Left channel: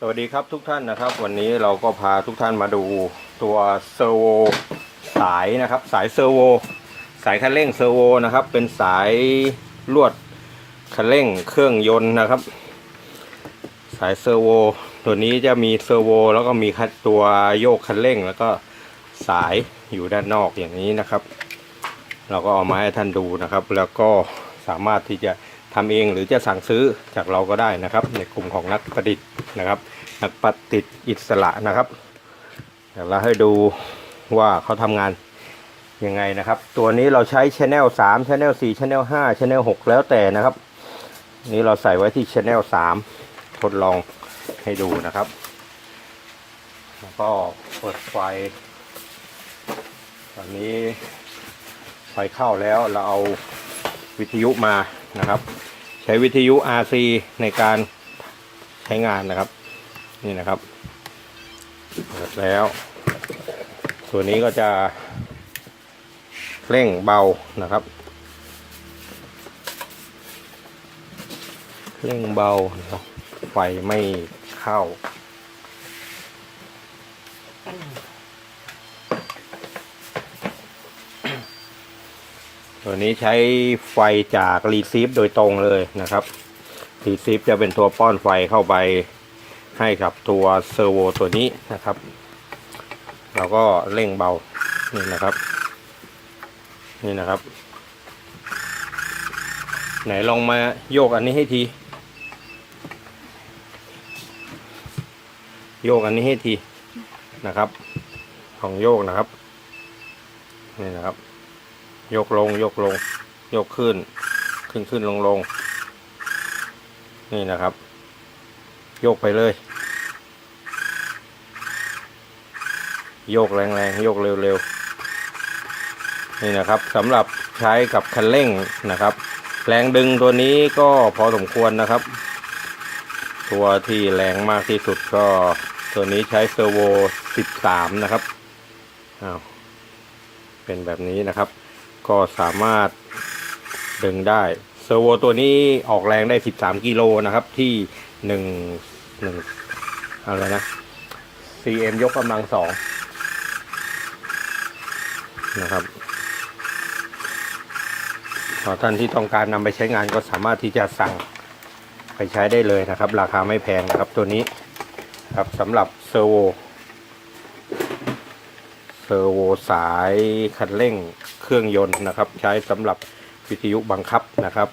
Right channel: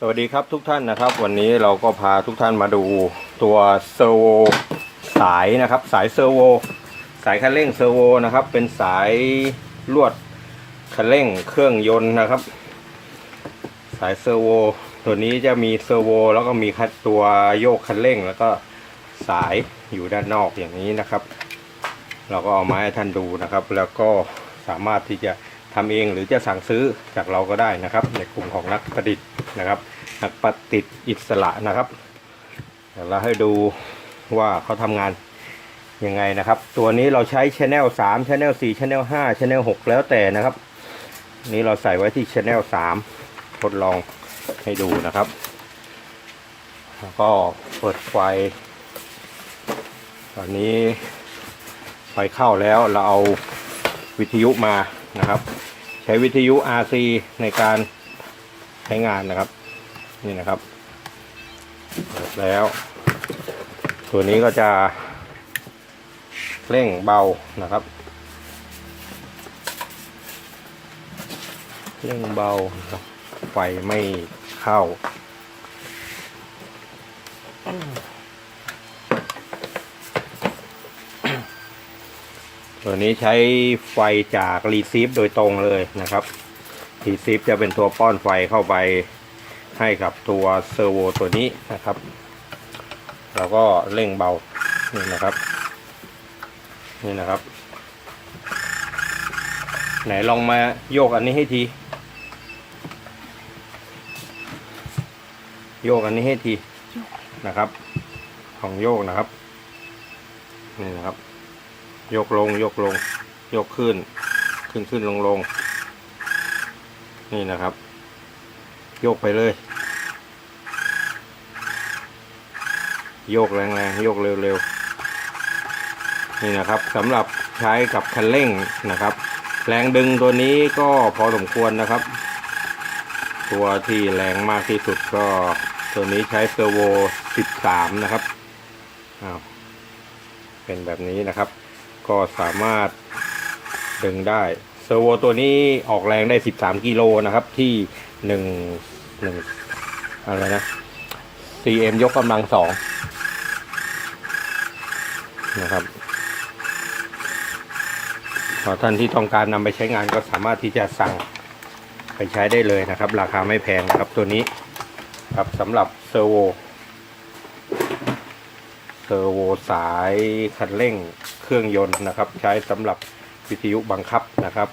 สวัสดีครับทุกท่านนะครับ วันนี้เราก็พาทุกท่านมาดูตัวเซอร์โวสายนะครับ สายเซอร์โวสายคันเร่งเซอร์โวนะครับ เป็นสายลวดคันเร่งเครื่องยนต์นะครับ สายเซอร์โวตัวนี้จะมีเซอร์โวแล้วก็มีคัดตัวโยกคันเร่ง แล้วก็สายอยู่ด้านนอกอย่างนี้นะครับ เราก็เอามาให้ท่านดูนะครับ แล้วก็สามารถที่จะ ทำเองหรือจะสั่งซื้อจากเราก็ได้นะครับ ในกลุ่มของนักประดิษฐ์นะครับนักประดิษฐ์อิสระนะครับเดี๋ยวเราให้ดูว่าเขาทำงานยังไงนะครับ ตัวนี้เราใช้ Channel 3 Channel 4 Channel 5 Channel 6 แล้วแต่นะครับ นี้เราใส่ไว้ที่ Channel 3 ทดลองให้ดูนะครับ แล้วก็เปิดไฟ ตอนนี้ไฟเข้าแล้วเราเอาวิทยุมานะครับ ช้วิทยุ RC ในการใช้งานนะครับ นี่นะครับเปิดแล้ว ตัวนี้ก็จะเร่งเบานะครับเร่งเบาไฟไม่เข้า ตัวนี้ใช้ไฟจากรีซีฟโดยตรงเลยนะครับรีซีฟจะเป็นตัวป้อนไฟเข้าไปให้กับตัวเซอร์โวตัวนี้นะครับเราก็เร่งเบา นี่นะครับ นี่นะครับ ไหนลองมาโยกอันนี้ให้ที โยกอันนี้ให้ทีนะครับ ของโยกนะครับ นี่นะครับ ยกลงยกลง ยกขึ้น ขึ้นขึ้นลงลงนี่นะครับ ยกไปเลย โยกแรงๆโยกเร็วๆนี่นะครับสำหรับใช้กับคันเร่งนะครับ แรงดึงตัวนี้ก็พอสมควรนะครับ ตัวที่แรงมากที่สุดก็ตัวนี้ใช้เซอร์โว 13 นะครับอ้าวเป็นแบบนี้นะครับ ก็สามารถดึงได้เซอร์โวตัวนี้ออกแรงได้ 13 กิโลนะครับ ที่หนึ่งหนึ่งอะไรนะ CM ยกกำลังสองนะครับขอท่านที่ต้องการนำไปใช้งานก็สามารถที่จะสั่งไปใช้ได้เลยนะครับ ราคาไม่แพงนะครับตัวนี้ครับสำหรับเซอร์โวเซอร์โวสายคันเร่ง เครื่องยนต์นะครับ ใช้สำหรับวิทยุบังคับนะครับ